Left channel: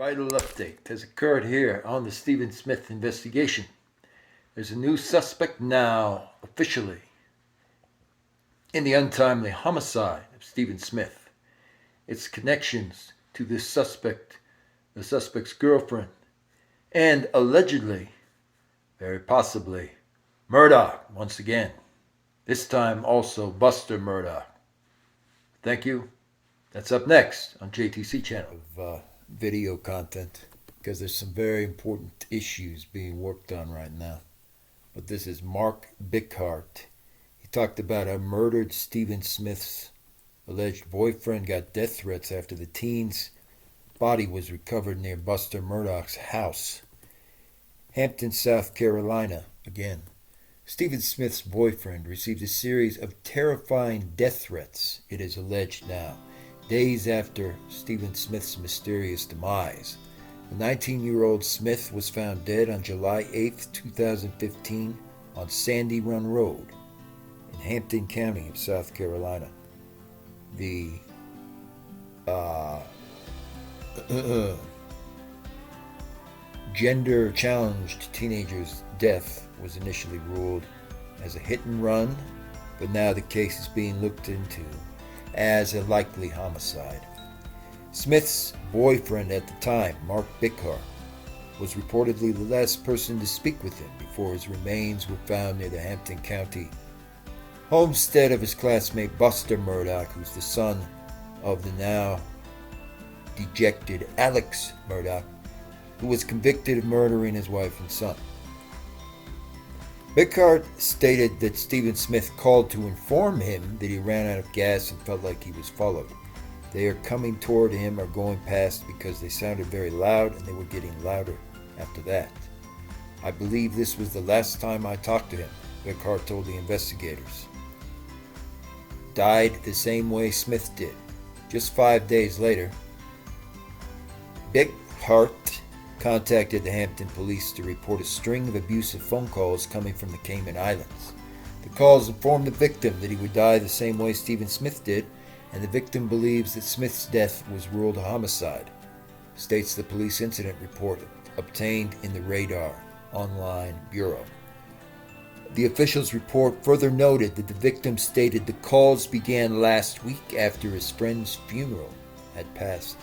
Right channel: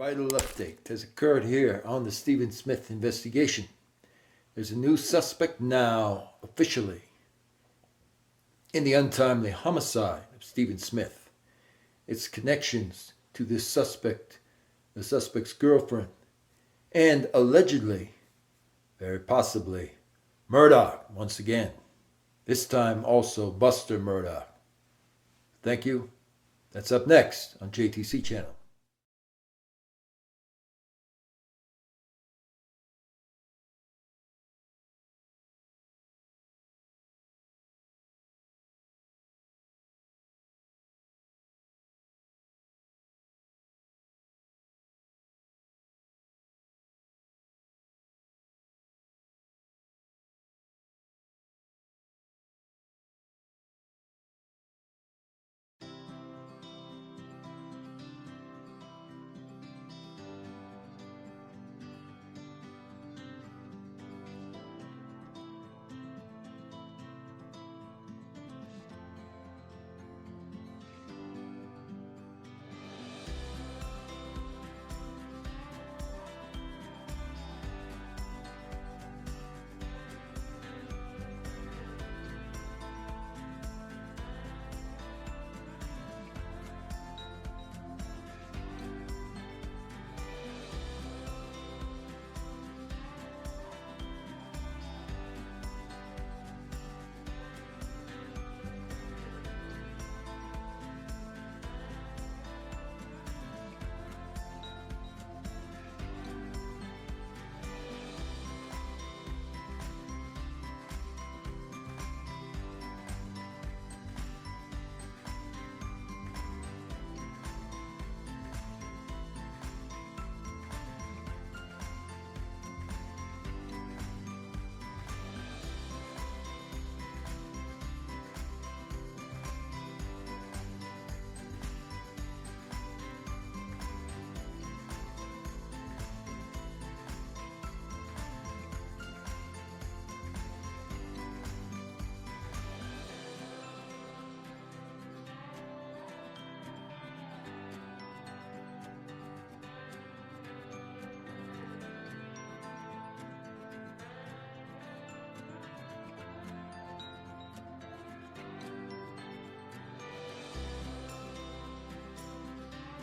Vital update has occurred here on the Stephen Smith investigation. There's a new suspect now, officially, in the untimely homicide of Stephen Smith. Its connections to this suspect, the suspect's girlfriend, and allegedly, very possibly, Murdaugh once again. This time also Buster Murdaugh. Thank you. That's up next on JTC channel. Video content, because there's some very important issues being worked on right now. But this is Mark Bickhardt. He talked about how murdered Stephen Smith's alleged boyfriend got death threats after the teen's body was recovered near Buster Murdaugh's house. Hampton, South Carolina, again. Stephen Smith's boyfriend received a series of terrifying death threats, it is alleged now, days after Stephen Smith's mysterious demise. The 19-year-old Smith was found dead on July 8, 2015 on Sandy Run Road in Hampton County of South Carolina. The gender-challenged teenager's death was initially ruled as a hit and run, but now the case is being looked into as a likely homicide. Smith's boyfriend at the time, Mark Bickhardt, was reportedly the last person to speak with him before his remains were found near the Hampton County homestead of his classmate Buster Murdaugh, who's the son of the now dejected Alex Murdaugh, who was convicted of murdering his wife and son. Bickhardt stated that Stephen Smith called to inform him that he ran out of gas and felt like he was followed. They are coming toward him or going past because they sounded very loud, and they were getting louder after that. I believe this was the last time I talked to him, Bickhardt told the investigators. Died the same way Smith did. Just 5 days later, Bickhardt contacted the Hampton police to report a string of abusive phone calls coming from the Cayman Islands. The calls informed the victim that he would die the same way Stephen Smith did, and the victim believes that Smith's death was ruled a homicide, states the police incident report obtained in the Radar Online Bureau. The official's report further noted that the victim stated the calls began last week after his friend's funeral had passed.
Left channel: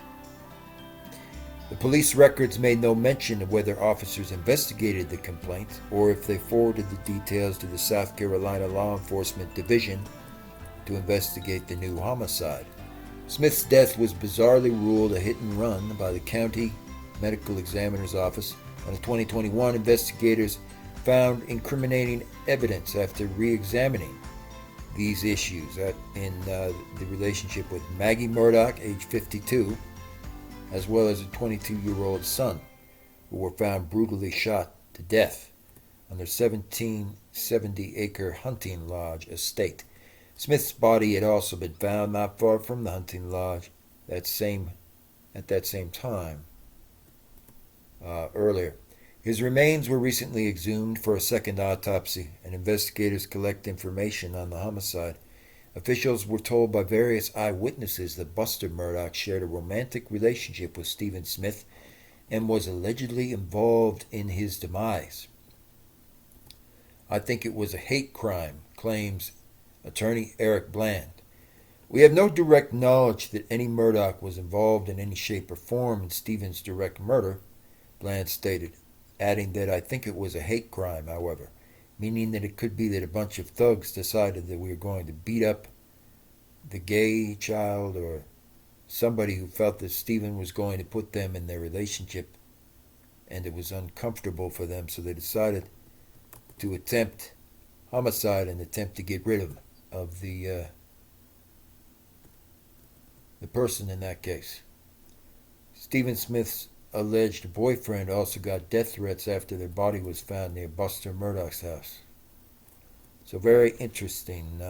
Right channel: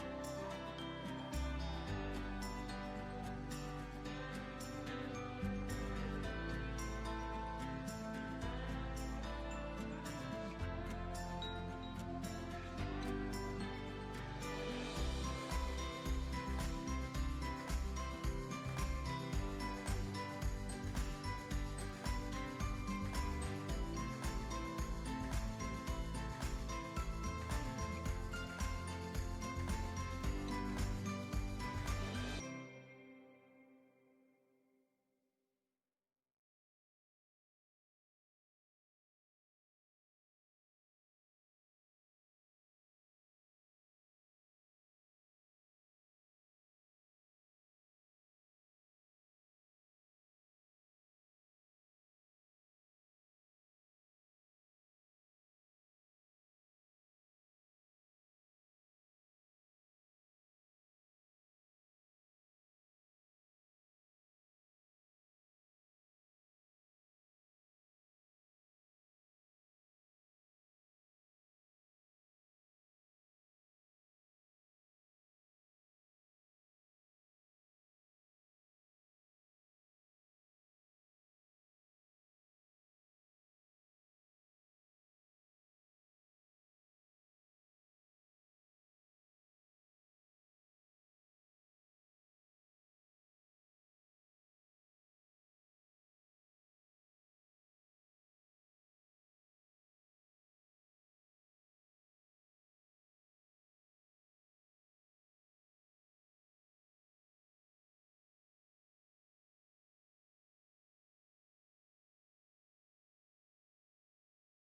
The police records made no mention of whether officers investigated the complaint or if they forwarded the details to the South Carolina Law Enforcement Division to investigate the new homicide. Smith's death was bizarrely ruled a hit and run by the county medical examiner's office, and in 2021 investigators found incriminating evidence after re-examining these issues in the relationship with Maggie Murdaugh, age 52, as well as a 22-year-old son, who were found brutally shot to death on their 1770-acre hunting lodge estate. Smith's body had also been found not far from the hunting lodge at that same time earlier. His remains were recently exhumed for a second autopsy, and investigators collect information on the homicide. Officials were told by various eyewitnesses that Buster Murdaugh shared a romantic relationship with Stephen Smith and was allegedly involved in his demise. I think it was a hate crime, claims attorney Eric Bland. We have no direct knowledge that any Murdaugh was involved in any shape or form in Stephen's direct murder, Bland stated, adding that I think it was a hate crime, however, meaning that it could be that a bunch of thugs decided that we were going to beat up the gay child or somebody who felt that Stephen was going to put them in their relationship and it was uncomfortable for them, so they decided to attempt homicide and attempt to get rid of the person in that case. Stephen Smith's alleged boyfriend also got death threats after their body was found near Buster Murdaugh's house. So very interesting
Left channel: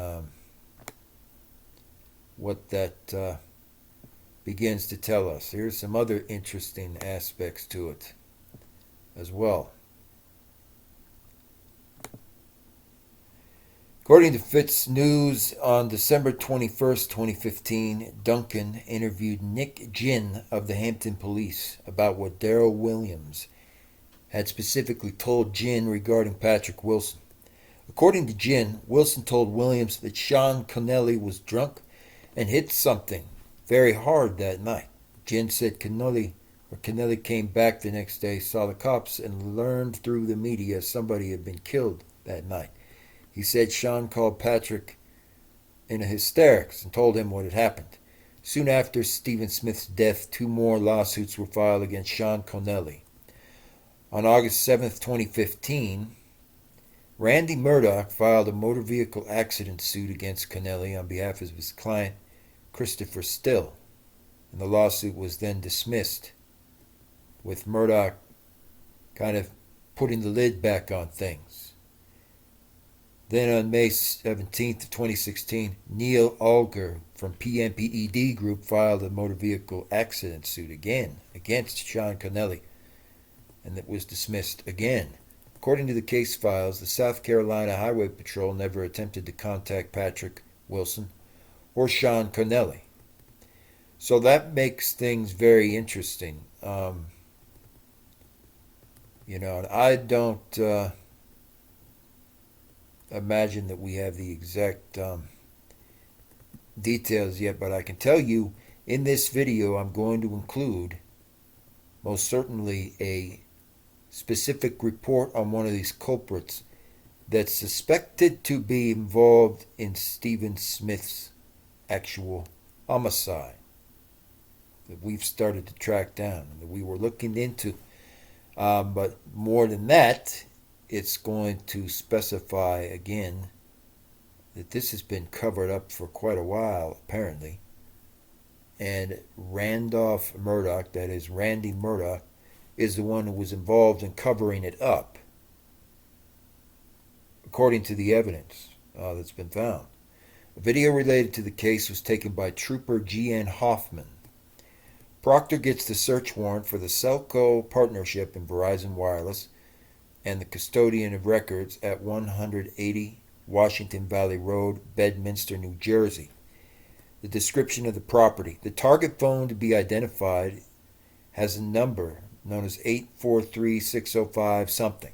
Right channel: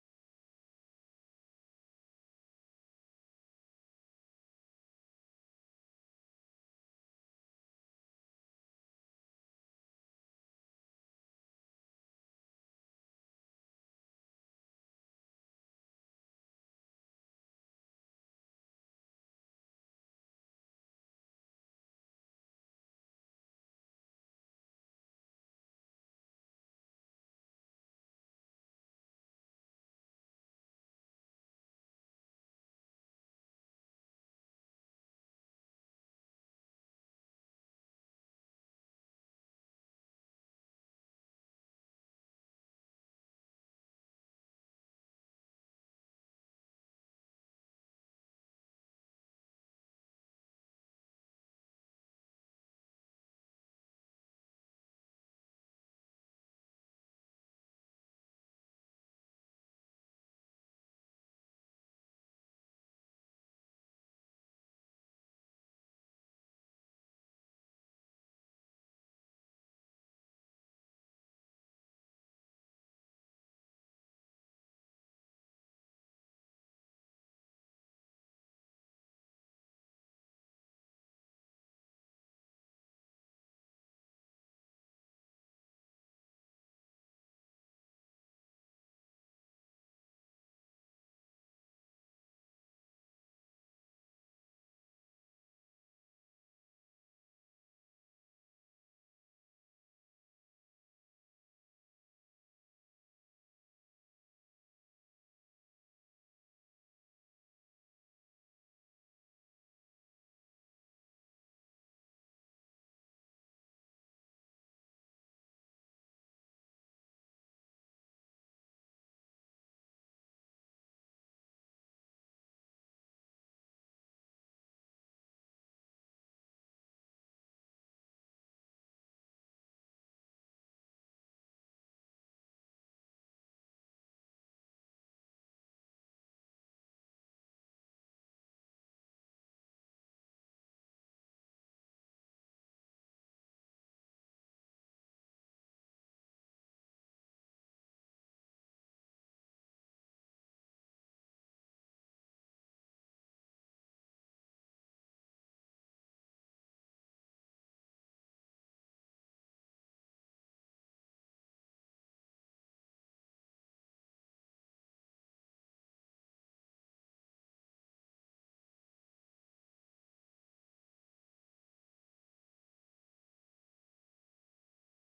what that begins to tell us. Here's some other interesting aspects to it as well. According to Fitz News, on December 21st, 2015, Duncan interviewed Nick Ginn of the Hampton Police about what Daryl Williams had specifically told Ginn regarding Patrick Wilson. According to Ginn, Wilson told Williams that Sean Connelly was drunk and hit something very hard that night. Ginn said Connelly came back the next day, saw the cops, and learned through the media somebody had been killed that night. He said Sean called Patrick in a hysterics and told him what had happened. Soon after Stephen Smith's death, 2 more lawsuits were filed against Sean Connelly. On August 7th, 2015, Randy Murdaugh filed a motor vehicle accident suit against Connelly on behalf of his client, Christopher Still, and the lawsuit was then dismissed, with Murdaugh kind of putting the lid back on things. Then on May 17th, 2016, Neil Alger from PMPED Group filed a motor vehicle accident suit again against Sean Connelly, and it was dismissed again. According to the case files, the South Carolina Highway Patrol never attempted to contact Patrick Wilson or Sean Connelly. So that makes things very interesting. And I don't imagine that we have the exact details yet, but I can tell you in this video I'm going to include most certainly a specific report on one of these culprits that's suspected to be involved in Stephen Smith's actual homicide that we've started to track down and that we were looking into. But more than that, it's going to specify again that this has been covered up for quite a while, apparently. And Randolph Murdaugh, that is Randy Murdaugh, is the one who was involved in covering it up, according to the evidence that's been found. A video related to the case was taken by Trooper G.N. Hoffman. Proctor gets the search warrant for the Celco partnership in Verizon Wireless and the custodian of records at 180 Washington Valley Road, Bedminster, New Jersey. The description of the property. The target phone to be identified has a number known as 843-605 something,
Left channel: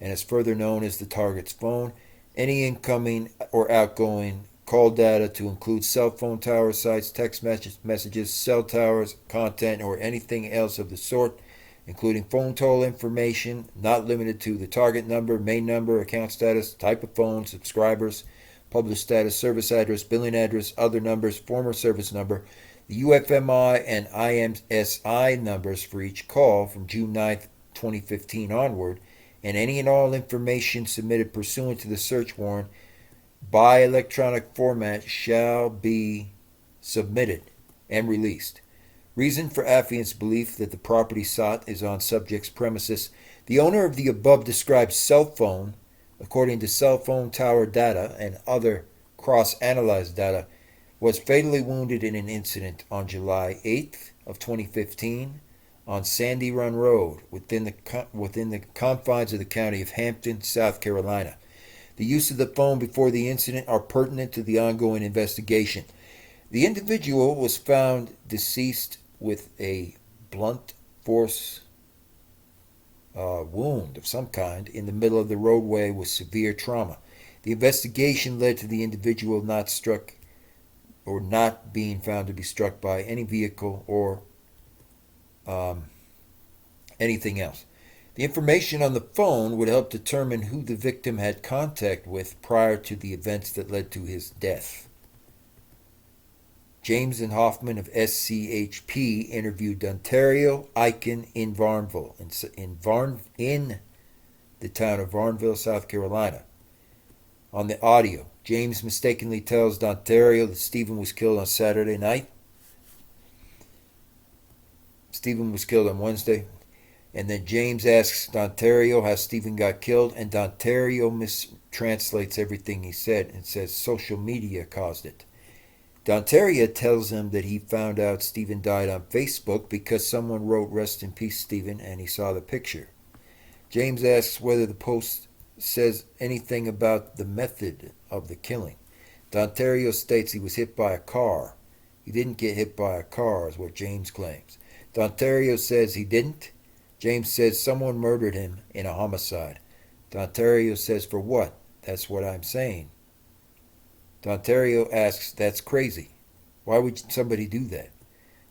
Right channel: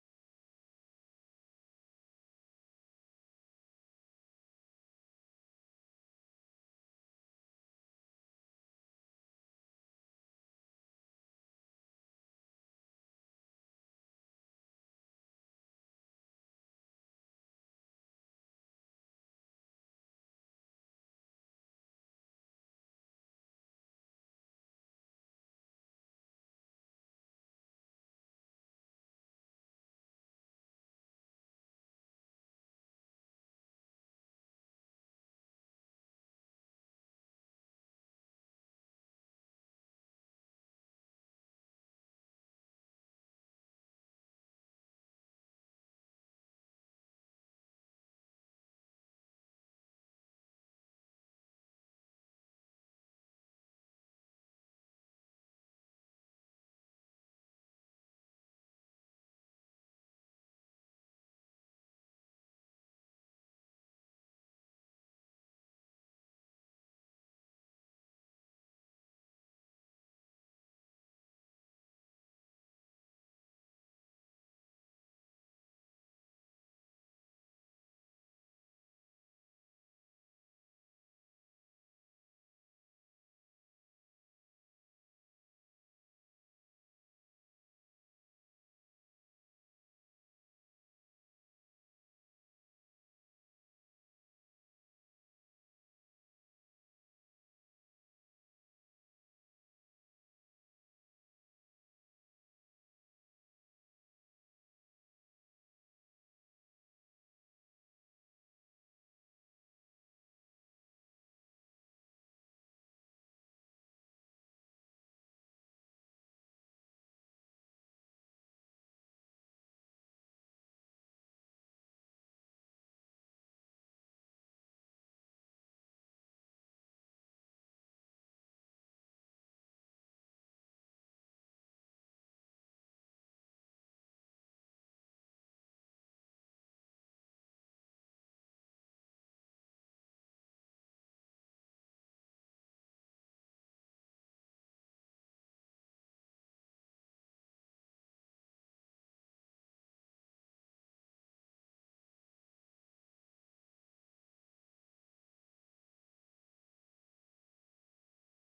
and is further known as the target's phone. Any incoming or outgoing call data to include cell phone tower sites, text messages, cell towers, content, or anything else of the sort, including phone toll information, not limited to the target number, main number, account status, type of phone, subscribers, published status, service address, billing address, other numbers, former service number, the UFMI and IMSI numbers for each call from June 9th, 2015 onward, and any and all information submitted pursuant to the search warrant by electronic format shall be submitted and released. Reason for affiant's belief that the property sought is on subject's premises. The owner of the above described cell phone, according to cell phone tower data and other cross-analyzed data, was fatally wounded in an incident on July 8th of 2015 on Sandy Run Road within the confines of the county of Hampton, South Carolina. The use of the phone before the incident are pertinent to the ongoing investigation. The individual was found deceased with a blunt force wound of some kind in the middle of the roadway with severe trauma. The investigation led to the individual not being found to be struck by any vehicle or anything else. The information on the phone would help determine who the victim had contact with prior to the events that led to his death. James and Hoffman of SCHP interviewed Ontario Eichen in Varnville, in the town of Varnville, South Carolina. On the audio, James mistakenly tells Ontario that Stephen was killed on Saturday night. Stephen was killed on Wednesday. And then James asks Ontario how Stephen got killed, and Ontario mistranslates everything he said and says social media caused it. Ontario tells him that he found out Stephen died on Facebook because someone wrote "Rest in peace, Stephen," and he saw the picture. James asks whether the post says anything about the method of the killing. Dontario states he was hit by a car. He didn't get hit by a car, is what James claims. Dontario says he didn't. James says someone murdered him in a homicide. Dontario says, for what? That's what I'm saying. Dontario asks, that's crazy. Why would somebody do that?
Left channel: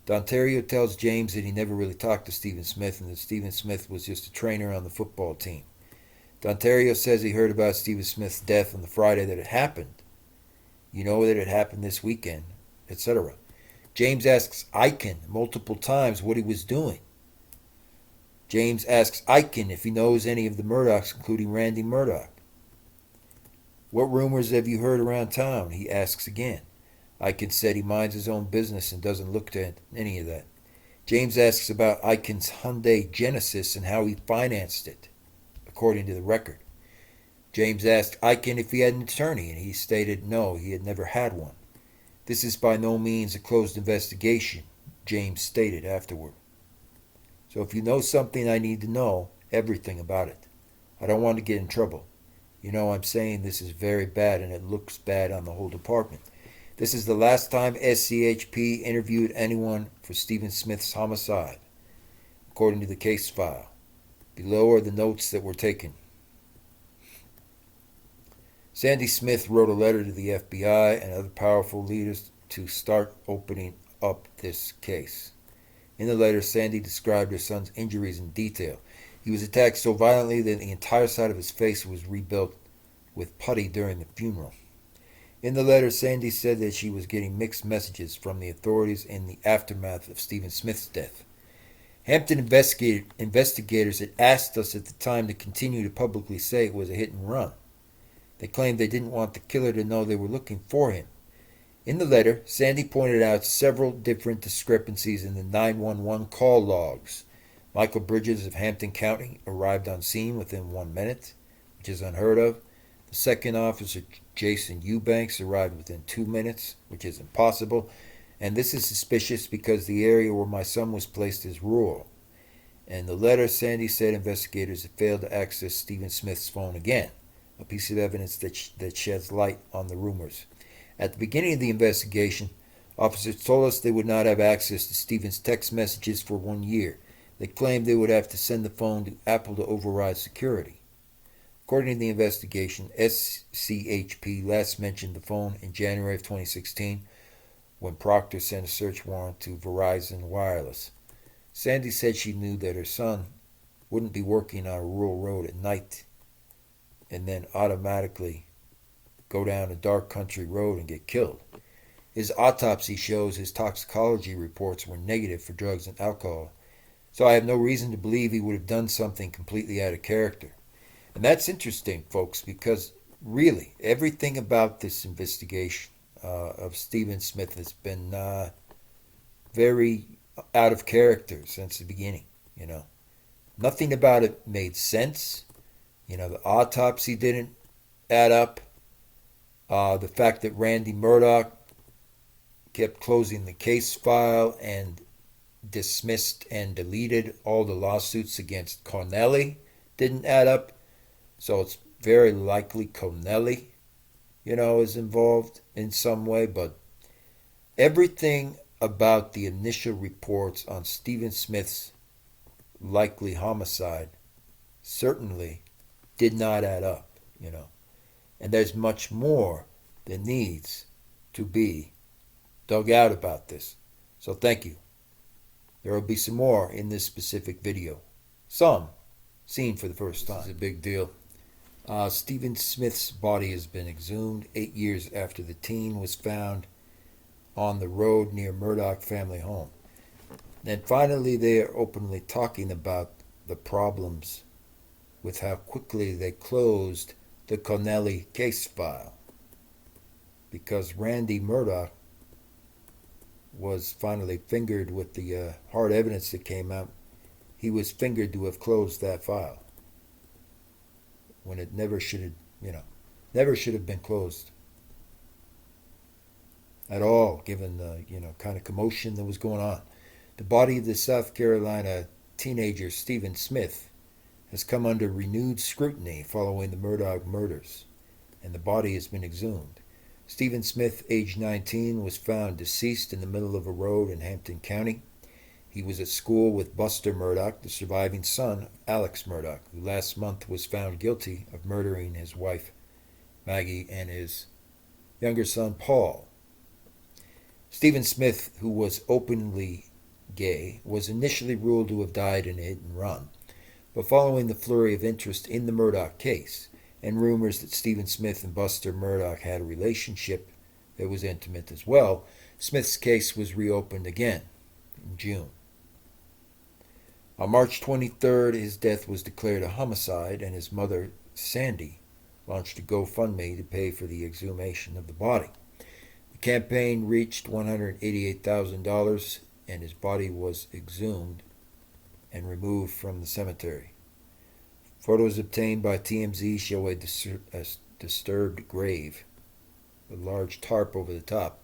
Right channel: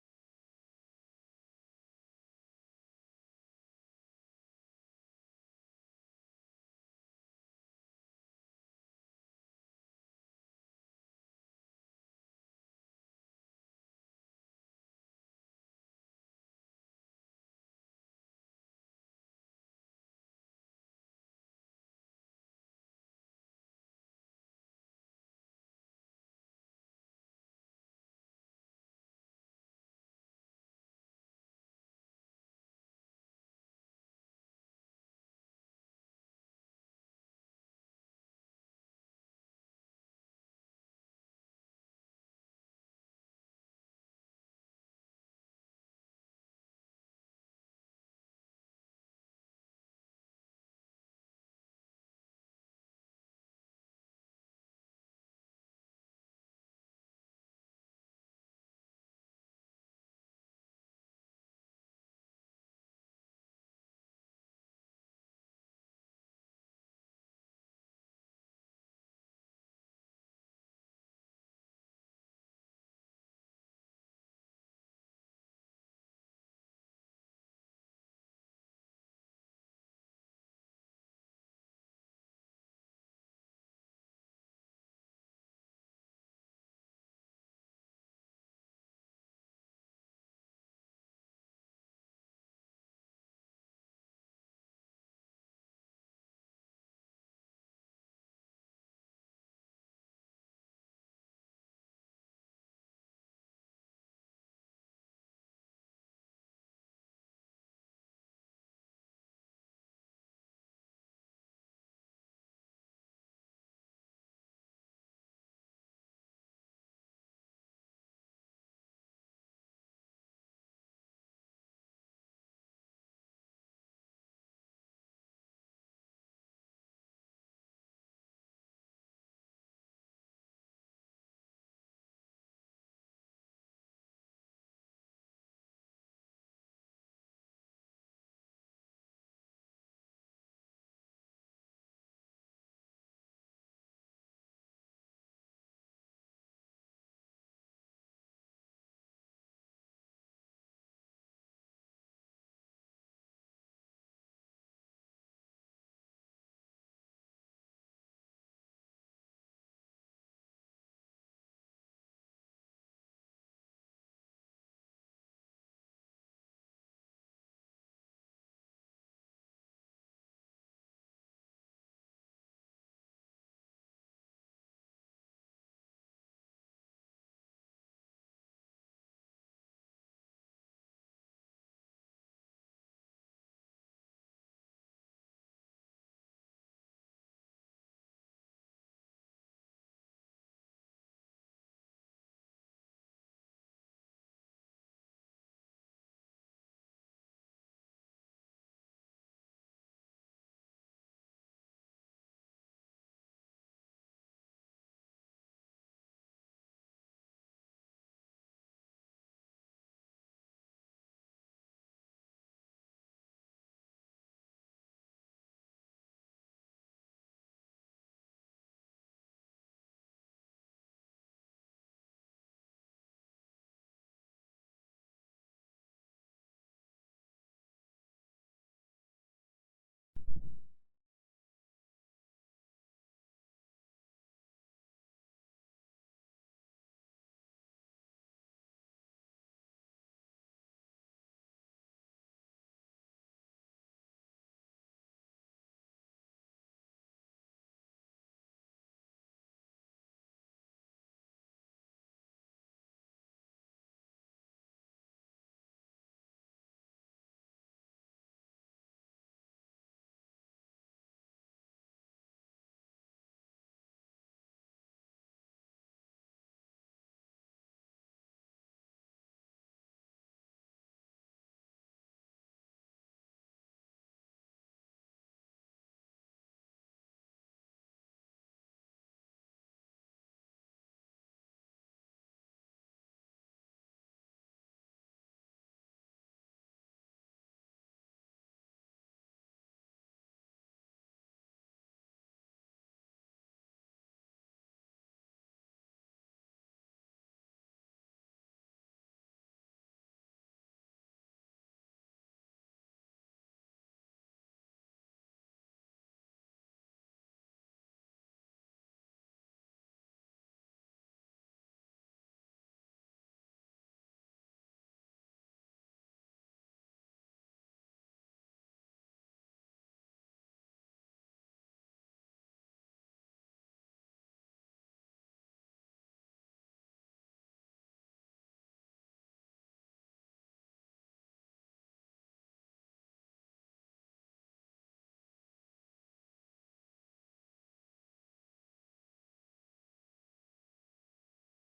Dontario tells James that he never really talked to Stephen Smith and that Stephen Smith was just a trainer on the football team. Dontario says he heard about Stephen Smith's death on the Friday that it happened. You know that it happened this weekend, etc. James asks Eichen multiple times what he was doing. James asks Eichen if he knows any of the Murdaughs, including Randy Murdaugh. What rumors have you heard around town? He asks again. Eichen said he minds his own business and doesn't look to any of that. James asks about Eichen's Hyundai Genesis and how he financed it, according to the record. James asked Eichen if he had an attorney, and he stated no, he had never had one. This is by no means a closed investigation, James stated afterward. So if you know something, I need to know everything about it. I don't want to get in trouble. You know, I'm saying this is very bad, and it looks bad on the whole department. This is the last time SCHP interviewed anyone for Stephen Smith's homicide, according to the case file. Below are the notes that were taken. Sandy Smith wrote a letter to the FBI and other powerful leaders to start opening up this case. In the letter, Sandy described her son's injuries in detail. He was attacked so violently that the entire side of his face was rebuilt with putty during the funeral. In the letter, Sandy said that she was getting mixed messages from the authorities in the aftermath of Stephen Smith's death. Hampton investigators had asked us at the time to continue to publicly say it was a hit and run. They claimed they didn't want the killer to know they were looking for him. In the letter, Sandy pointed out several different discrepancies in the 911 call logs. Michael Bridges of Hampton County arrived on scene within 1 minute, which is unheard of. The second officer, Jason Eubanks, arrived within 2 minutes, which is impossible. And this is suspicious because the area where my son was placed is rural. In the letter, Sandy said investigators had failed to access Stephen Smith's phone again, a piece of evidence that sheds light on the rumors. At the beginning of the investigation, officers told us they would not have access to Stephen's text messages for 1 year. They claimed they would have to send the phone to Apple to override security. According to the investigation, SCHP last mentioned the phone in January of 2016 when Proctor sent a search warrant to Verizon Wireless. Sandy said she knew that her son wouldn't be working on a rural road at night and then automatically go down a dark country road and get killed. His autopsy shows his toxicology reports were negative for drugs and alcohol, so I have no reason to believe he would have done something completely out of character. And that's interesting, folks, because really everything about this investigation of Stephen Smith has been very out of character since the beginning. You know, nothing about it made sense. You know, the autopsy didn't add up. The fact that Randy Murdaugh kept closing the case file and dismissed and deleted all the lawsuits against Connelly didn't add up. So it's very likely Connelly, is involved in some way. But everything about the initial reports on Stephen Smith's likely homicide certainly did not add up, And there's much more that needs to be dug out about this. So thank you. There will be some more in this specific video. Some seen for the first time. It's a big deal. Stephen Smith's body has been exhumed 8 years after the teen was found on the road near Murdaugh family home. Then finally they are openly talking about the problems with how quickly they closed the Connelly case file. Because Randy Murdaugh was finally fingered with the hard evidence that came out. He was fingered to have closed that file when it never should have been closed at all, given the kind of commotion that was going on. The body of the South Carolina teenager Stephen Smith has come under renewed scrutiny following the Murdaugh murders, and the body has been exhumed. Stephen Smith, age 19, was found deceased in the middle of a road in Hampton County. He was at school with Buster Murdaugh, the surviving son of Alex Murdaugh, who last month was found guilty of murdering his wife, Maggie, and his younger son, Paul. Stephen Smith, who was openly gay, was initially ruled to have died in a hit and run, but following the flurry of interest in the Murdaugh case and rumors that Stephen Smith and Buster Murdaugh had a relationship that was intimate as well, Smith's case was reopened again in June. On March 23rd, his death was declared a homicide, and his mother, Sandy, launched a GoFundMe to pay for the exhumation of the body. The campaign reached $188,000, and his body was exhumed and removed from the cemetery. Photos obtained by TMZ show a disturbed grave, a large tarp over the top.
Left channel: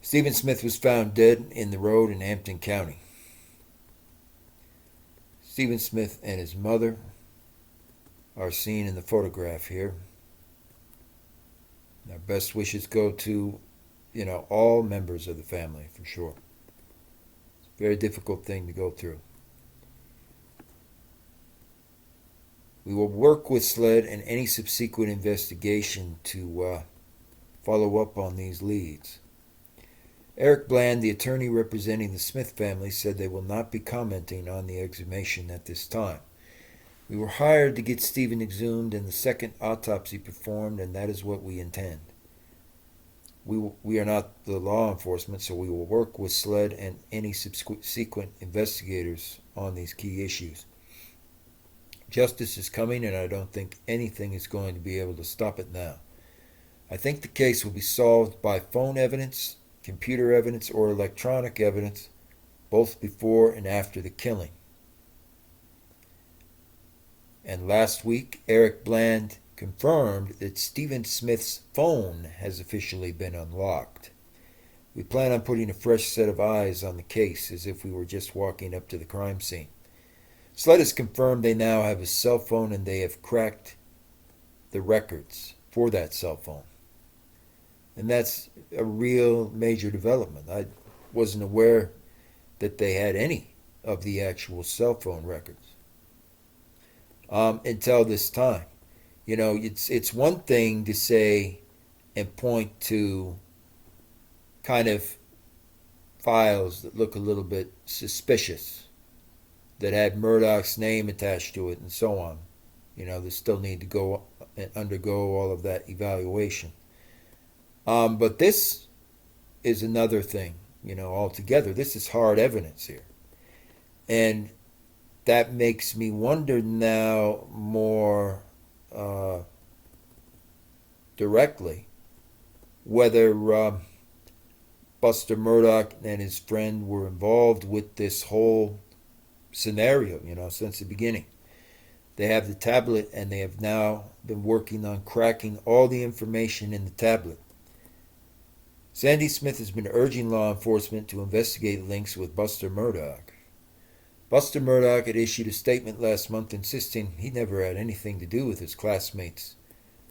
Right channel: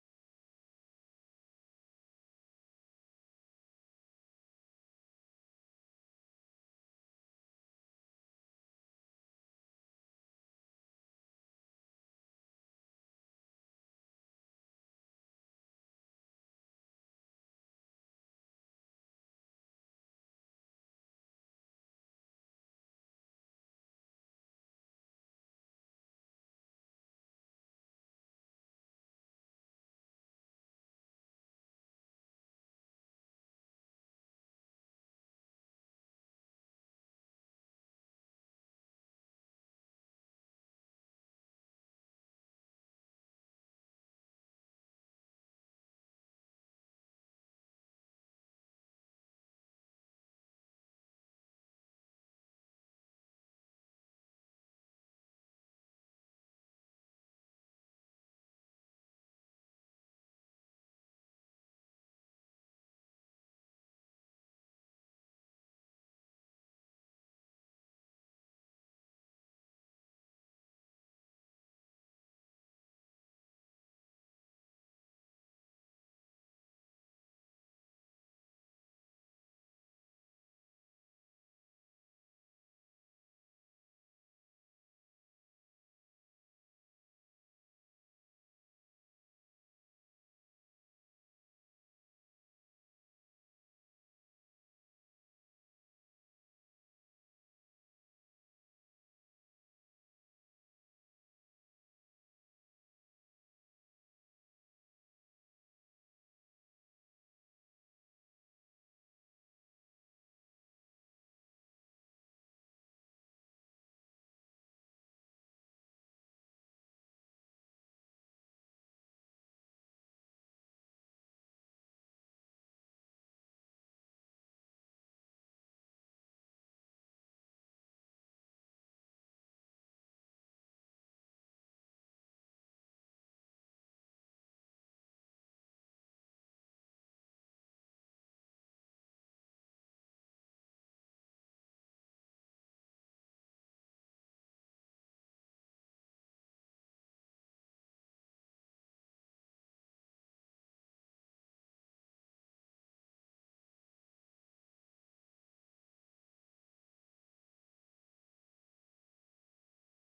Stephen Smith was found dead in the road in Hampton County. Stephen Smith and his mother are seen in the photograph here. Our best wishes go to, all members of the family, for sure. It's a very difficult thing to go through. We will work with SLED and any subsequent investigation to follow up on these leads. Eric Bland, the attorney representing the Smith family, said they will not be commenting on the exhumation at this time. We were hired to get Stephen exhumed and the second autopsy performed, and that is what we intend. We are not the law enforcement, so we will work with SLED and any subsequent investigators on these key issues. Justice is coming, and I don't think anything is going to be able to stop it now. I think the case will be solved by phone evidence, computer evidence, or electronic evidence, both before and after the killing. And last week, Eric Bland confirmed that Stephen Smith's phone has officially been unlocked. We plan on putting a fresh set of eyes on the case as if we were just walking up to the crime scene. SLED has confirmed they now have a cell phone and they have cracked the records for that cell phone. And that's a real major development. I wasn't aware that they had any of the actual cell phone records until this time. It's one thing to say and point to kind of files that look a little bit suspicious, that had Murdaugh's name attached to it and so on. They still need to go and undergo all of that evaluation. But this is another thing, altogether. This is hard evidence here. And that makes me wonder now more directly whether Buster Murdaugh and his friend were involved with this whole scenario, since the beginning. They have the tablet, and they have now been working on cracking all the information in the tablet. Sandy Smith has been urging law enforcement to investigate links with Buster Murdaugh. Buster Murdaugh had issued a statement last month insisting he never had anything to do with his classmates'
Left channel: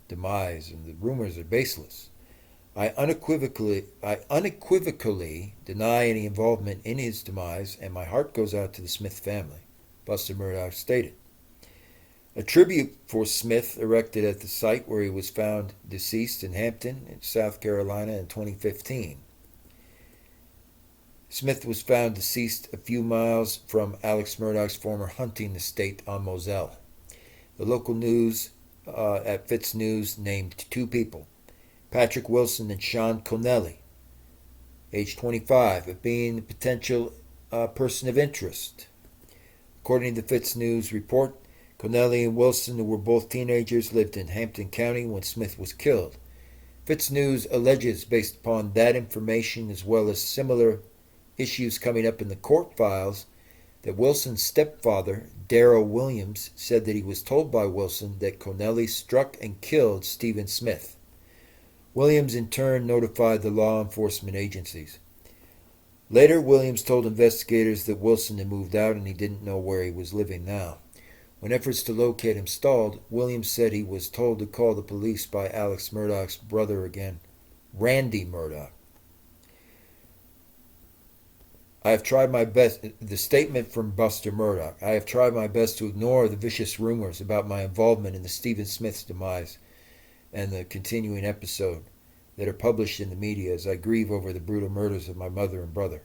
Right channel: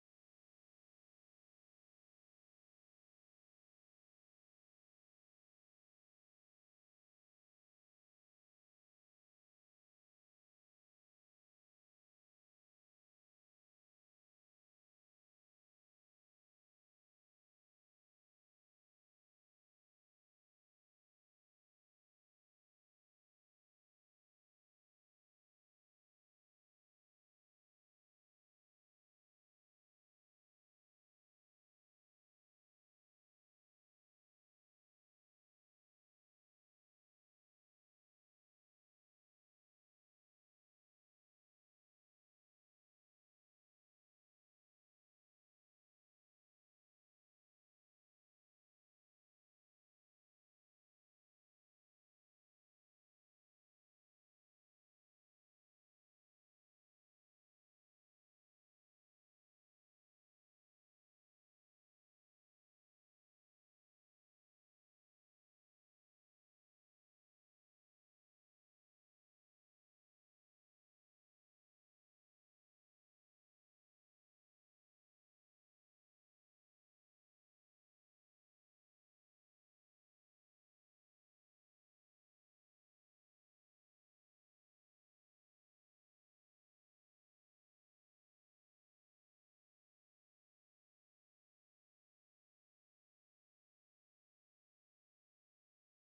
demise, and the rumors are baseless. I unequivocally deny any involvement in his demise, and my heart goes out to the Smith family, Buster Murdaugh stated. A tribute for Smith erected at the site where he was found deceased in Hampton, in South Carolina, in 2015. Smith was found deceased a few miles from Alex Murdaugh's former hunting estate on Moselle. The local news at Fitz News named two people, Patrick Wilson and Sean Connelly, age 25, of being a potential person of interest. According to the Fitz News report, Connelly and Wilson, who were both teenagers, lived in Hampton County when Smith was killed. Fitz News alleges, based upon that information as well as similar issues coming up in the court files, that Wilson's stepfather, Darrell Williams, said that he was told by Wilson that Connelly struck and killed Stephen Smith. Williams in turn notified the law enforcement agencies. Later, Williams told investigators that Wilson had moved out and he didn't know where he was living now. When efforts to locate him stalled, Williams said he was told to call the police by Alex Murdaugh's brother again, Randy Murdaugh. I have tried my best, the statement from Buster Murdaugh, I have tried my best to ignore the vicious rumors about my involvement in the Stephen Smith's demise and the continuing episode that are published in the media as I grieve over the brutal murders of my mother and brother.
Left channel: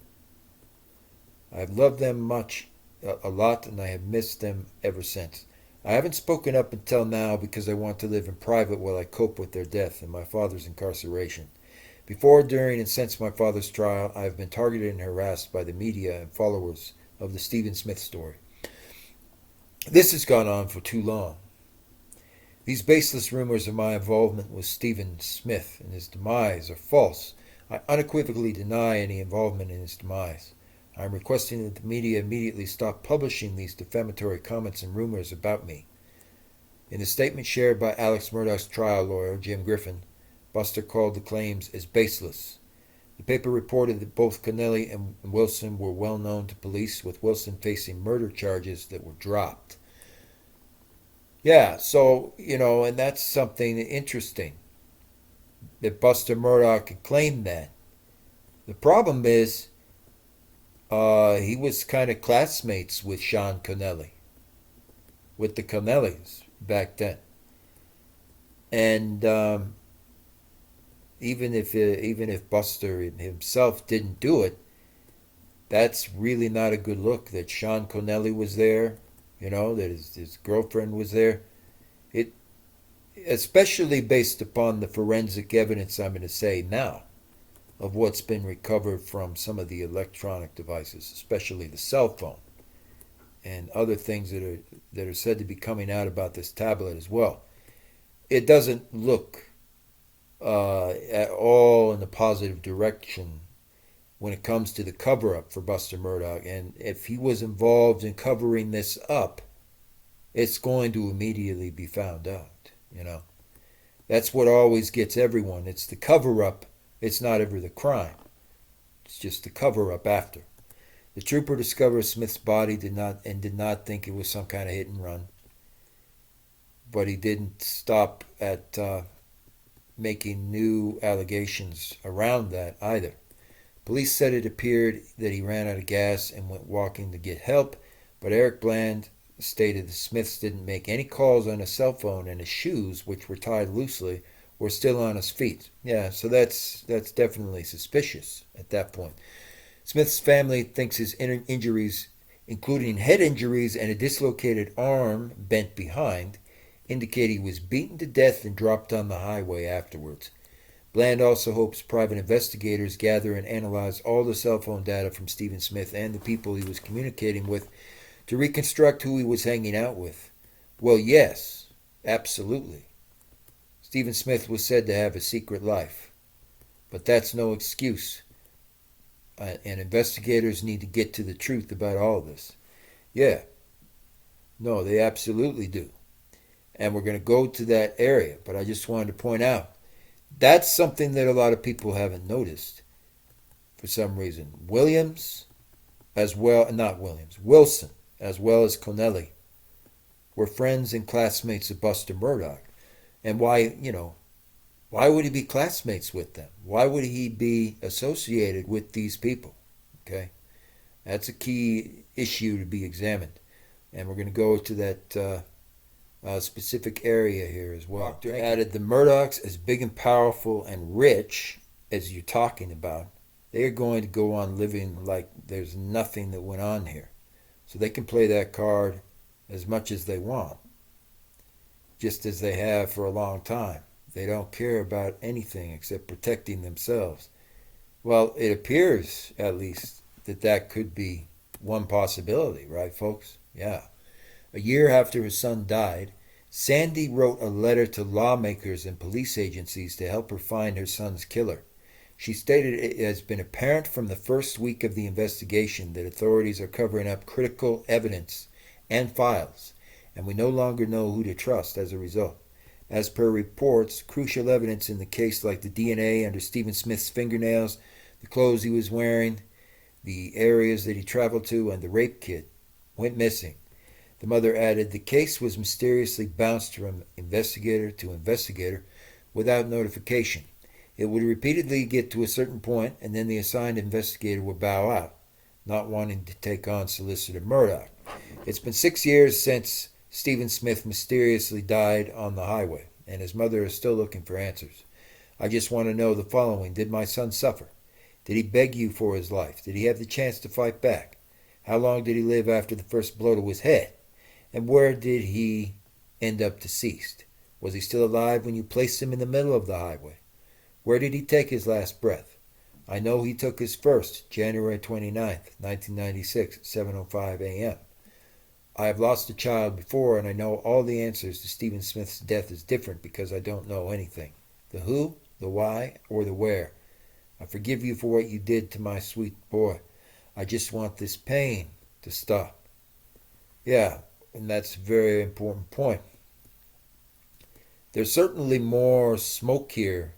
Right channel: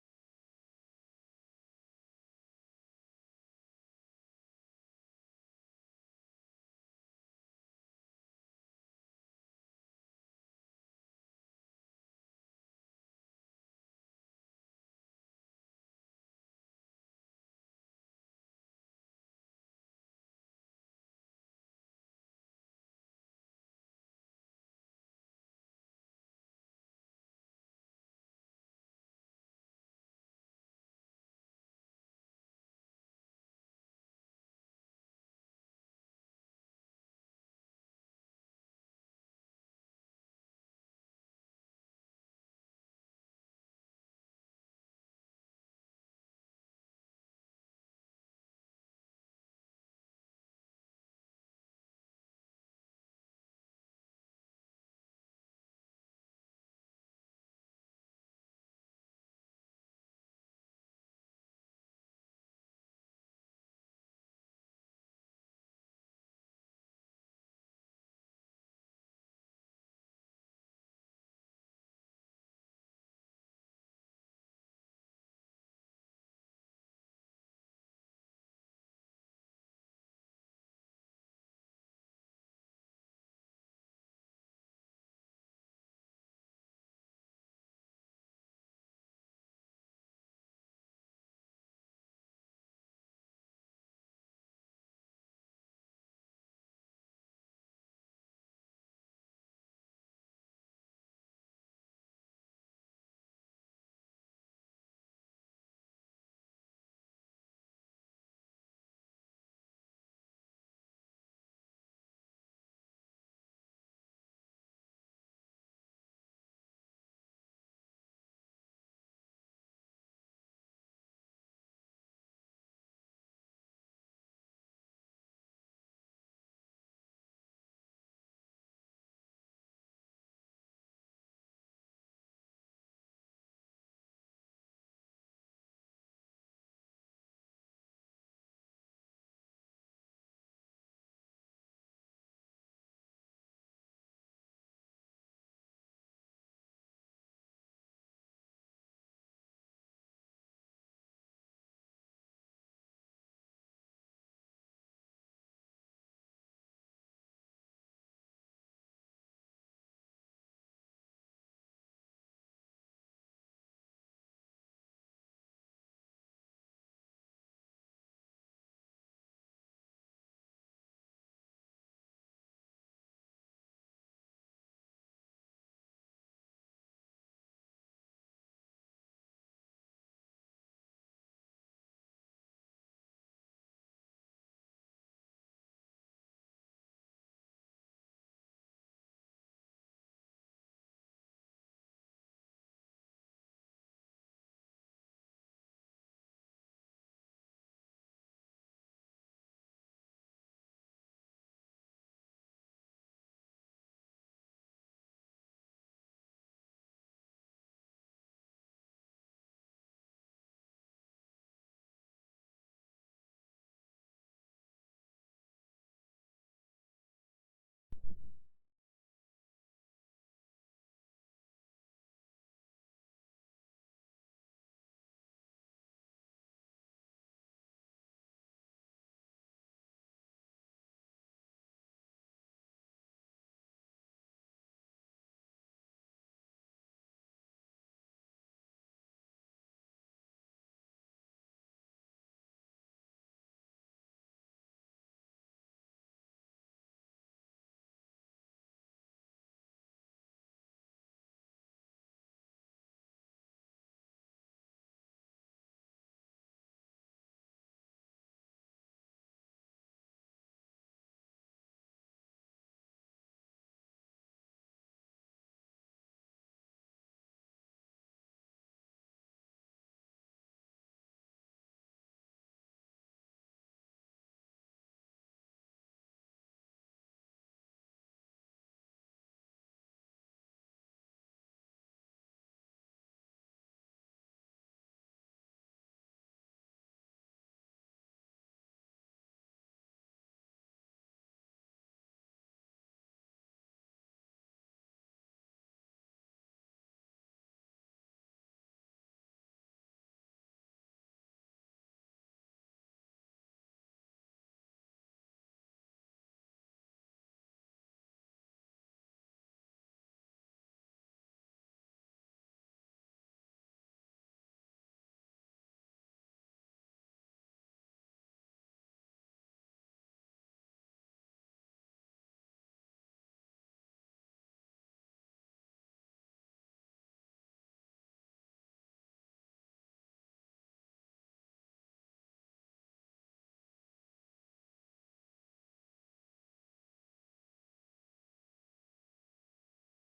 I have loved them a lot, and I have missed them ever since. I haven't spoken up until now because I want to live in private while I cope with their death and my father's incarceration. Before, during, and since my father's trial, I have been targeted and harassed by the media and followers of the Stephen Smith story. This has gone on for too long. These baseless rumors of my involvement with Stephen Smith and his demise are false. I unequivocally deny any involvement in his demise. I am requesting that the media immediately stop publishing these defamatory comments and rumors about me. In a statement shared by Alex Murdaugh's trial lawyer, Jim Griffin, Buster called the claims as baseless. The paper reported that both Connelly and Wilson were well known to police, with Wilson facing murder charges that were dropped. Yeah, so, and that's something interesting, that Buster Murdaugh could claim that. The problem is, he was kind of classmates with Sean Connelly, with the Connellys back then. And even if Buster himself didn't do it, that's really not a good look. That Sean Connelly was there, that his girlfriend was there. It, especially based upon the forensic evidence I'm going to say now, of what's been recovered from some of the electronic devices, especially the cell phone, and other things that are said to be coming out about this tablet as well. It doesn't look at all in the positive direction when it comes to the cover-up for Buster Murdaugh. And if he was involved in covering this up, it's going to immediately be found out. That's what always gets everyone. It's the cover-up. It's not ever the crime. It's just the cover-up after. The trooper discovered Smith's body did not think it was some kind of hit and run. But he didn't stop at making new allegations around that either. Police said it appeared that he ran out of gas and went walking to get help, but Eric Bland stated the Smiths didn't make any calls on his cell phone, and his shoes, which were tied loosely, were still on his feet. Yeah, so that's definitely suspicious at that point. Smith's family thinks his injuries, including head injuries and a dislocated arm bent behind, indicate he was beaten to death and dropped on the highway afterwards. Bland also hopes private investigators gather and analyze all the cell phone data from Stephen Smith and the people he was communicating with to reconstruct who he was hanging out with. Well, yes, absolutely. Stephen Smith was said to have a secret life, but that's no excuse. And investigators need to get to the truth about all this. Yeah, no, they absolutely do. And we're going to go to that area, but I just wanted to point out, that's something that a lot of people haven't noticed for some reason. Wilson, as well as Connelly, were friends and classmates of Buster Murdaugh. And why would he be classmates with them? Why would he be associated with these people? Okay, that's a key issue to be examined. And we're going to go to that specific area here as well. Doctor added the Murdaughs, as big and powerful and rich as you're talking about, they are going to go on living like there's nothing that went on here. So they can play that card as much as they want, just as they have for a long time. They don't care about anything except protecting themselves. Well, it appears, at least, that could be one possibility, right, folks? Yeah. A year after his son died, Sandy wrote a letter to lawmakers and police agencies to help her find her son's killer. She stated it has been apparent from the first week of the investigation that authorities are covering up critical evidence and files, and we no longer know who to trust as a result. As per reports, crucial evidence in the case, like the DNA under Stephen Smith's fingernails, the clothes he was wearing, the areas that he traveled to, and the rape kit, went missing. The mother added, the case was mysteriously bounced from investigator to investigator without notification. It would repeatedly get to a certain point, and then the assigned investigator would bow out, not wanting to take on Solicitor Murdaugh. It's been 6 years since Stephen Smith mysteriously died on the highway, and his mother is still looking for answers. I just want to know the following. Did my son suffer? Did he beg you for his life? Did he have the chance to fight back? How long did he live after the first blow to his head? And where did he end up deceased? Was he still alive when you placed him in the middle of the highway? Where did he take his last breath? I know he took his first, January 29th, 1996, at 7:05 a.m. I have lost a child before, and I know all the answers to Stephen Smith's death is different because I don't know anything. The who, the why, or the where. I forgive you for what you did to my sweet boy. I just want this pain to stop. Yeah, and that's a very important point. There's certainly more smoke here.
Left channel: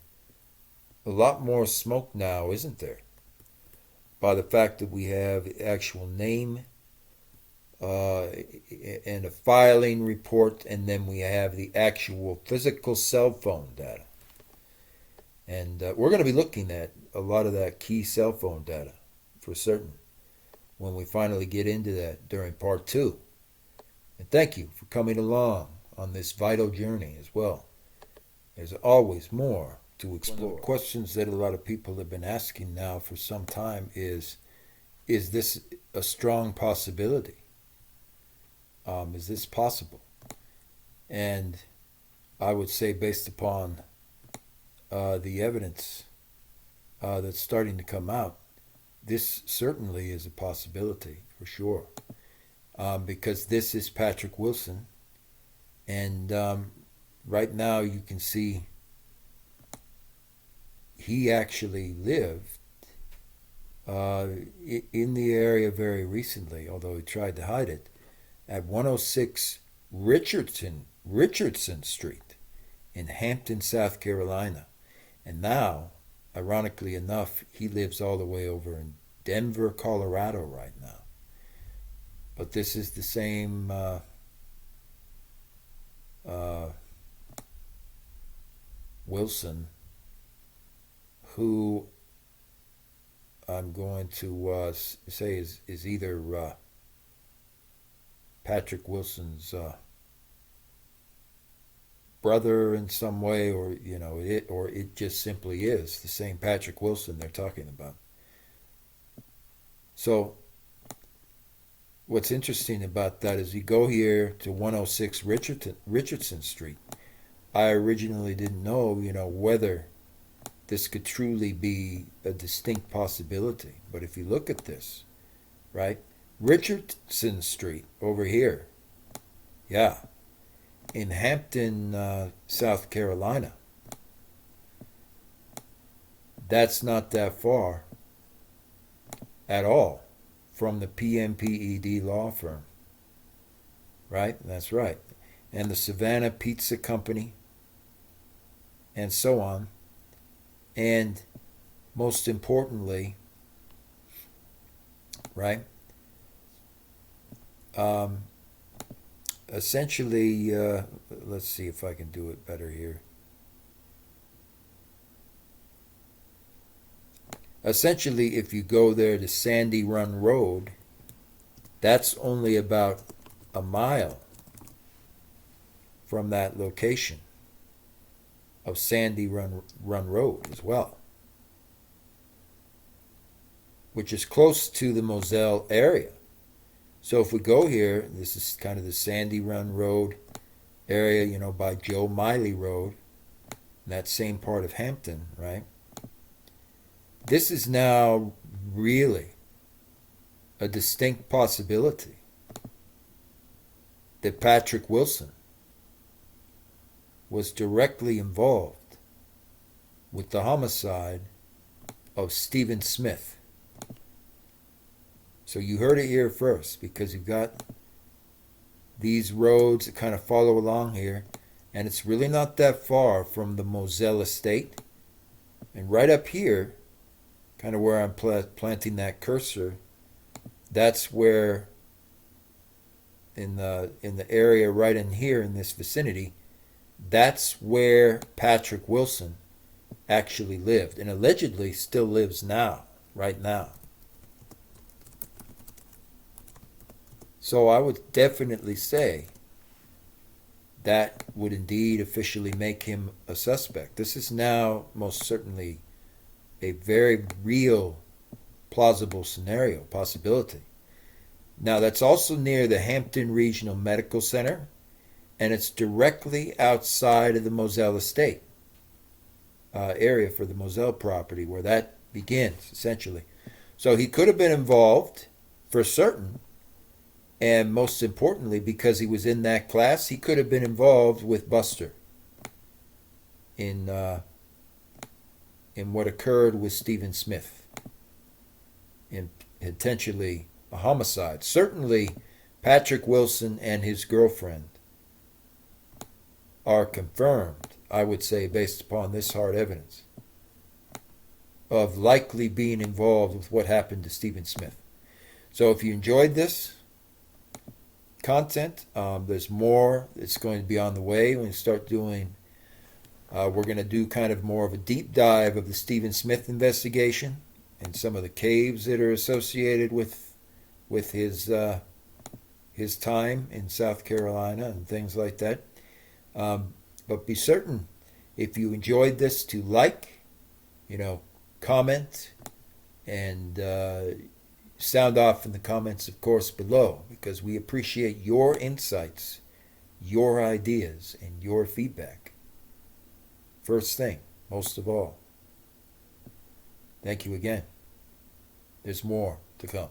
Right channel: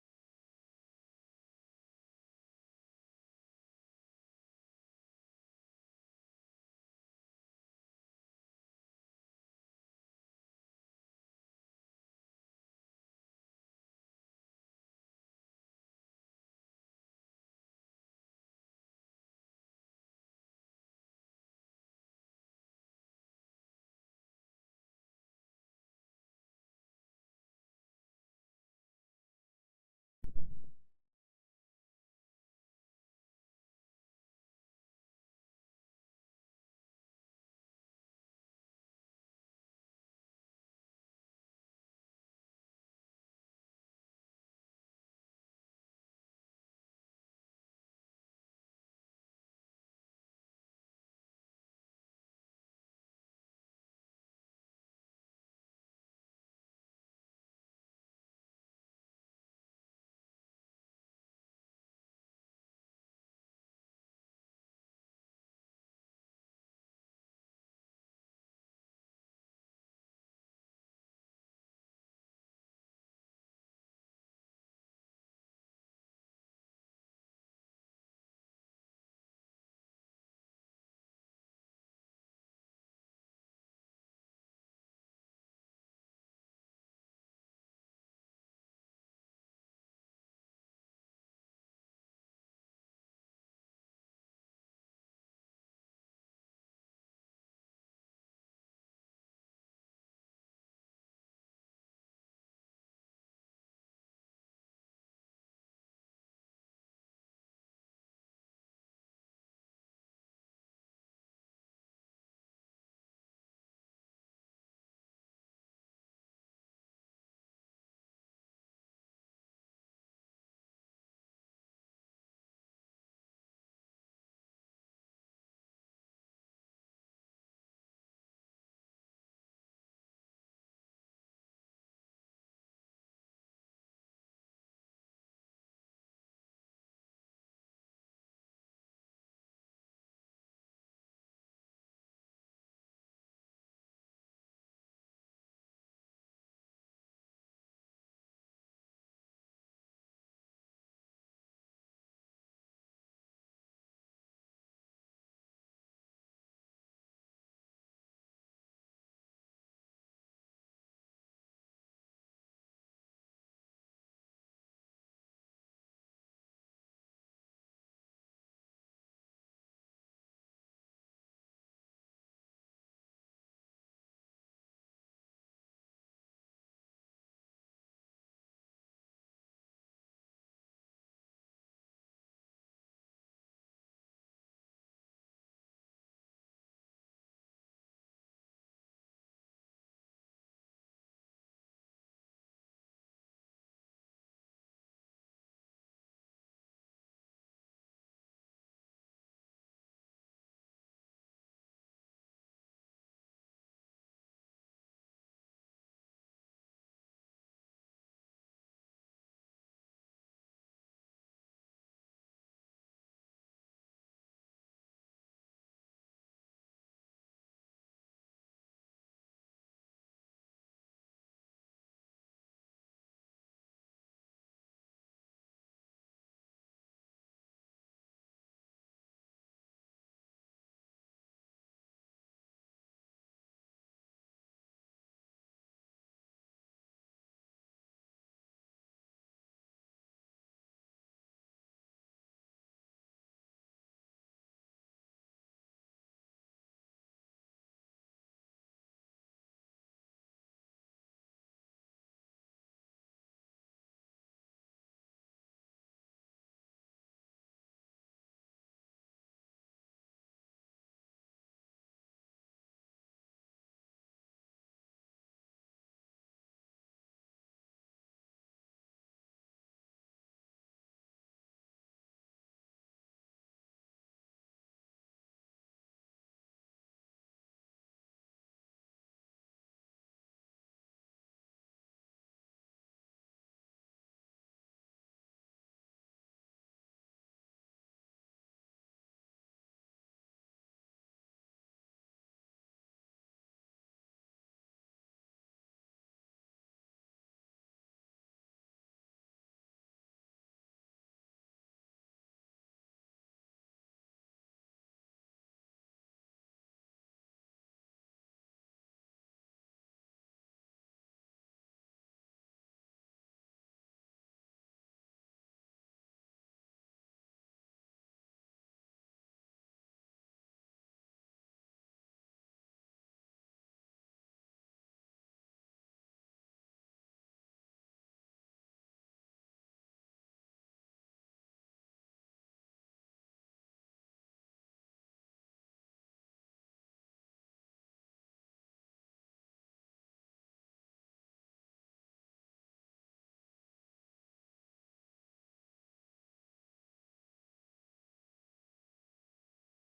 A lot more smoke now, isn't there? By the fact that we have the actual name and a filing report, and then we have the actual physical cell phone data. And we're going to be looking at a lot of that key cell phone data for certain when we finally get into that during part 2. And thank you for coming along on this vital journey as well. There's always more to explore. One of the questions that a lot of people have been asking now for some time is this a strong possibility? Is this possible? And I would say, based upon the evidence that's starting to come out, this certainly is a possibility for sure. Because this is Patrick Wilson, and right now you can see he actually lived in the area very recently, although he tried to hide it, at 106 Richardson Street in Hampton, South Carolina. And now, ironically enough, he lives all the way over in Denver, Colorado right now. But this is the same Wilson who I'm going to say is either Patrick Wilson's brother in some way, or it just simply is the same Patrick Wilson they're talking about. So what's interesting about that is you go here to 106 Richardson Street. I originally didn't know, whether this could truly be a distinct possibility. But if you look at this, right? Richardson Street over here, yeah, in Hampton, South Carolina. That's not that far at all from the PMPED law firm, right? That's right. And the Savannah Pizza Company, and so on. And most importantly, right, essentially, let's see if I can do it better here. Essentially, if you go there to Sandy Run Road, that's only about a mile from that location of Sandy Run Road as well, which is close to the Moselle area. So if we go here, this is kind of the Sandy Run Road area, by Joe Miley Road, that same part of Hampton, right? This is now really a distinct possibility that Patrick Wilson was directly involved with the homicide of Stephen Smith. So you heard it here first, because you've got these roads that kind of follow along here, and it's really not that far from the Moselle estate. And right up here, kind of where I'm planting that cursor, that's where in the area right in here in this vicinity, that's where Patrick Wilson actually lived and allegedly still lives now, right now. So I would definitely say that would indeed officially make him a suspect. This is now most certainly a very real, plausible scenario, possibility. Now, that's also near the Hampton Regional Medical Center, and it's directly outside of the Moselle estate area for the Moselle property where that begins, essentially. So he could have been involved for certain, and most importantly, because he was in that class, he could have been involved with Buster in what occurred with Stephen Smith, in potentially a homicide. Certainly, Patrick Wilson and his girlfriend are confirmed, I would say, based upon this hard evidence, of likely being involved with what happened to Stephen Smith. So if you enjoyed this content, there's more that's going to be on the way. When we start doing, we're going to do kind of more of a deep dive of the Stephen Smith investigation and some of the caves that are associated with his time in South Carolina and things like that. But be certain, if you enjoyed this, to like, comment, and sound off in the comments, of course, below, because we appreciate your insights, your ideas, and your feedback. First thing, most of all. Thank you again. There's more to come.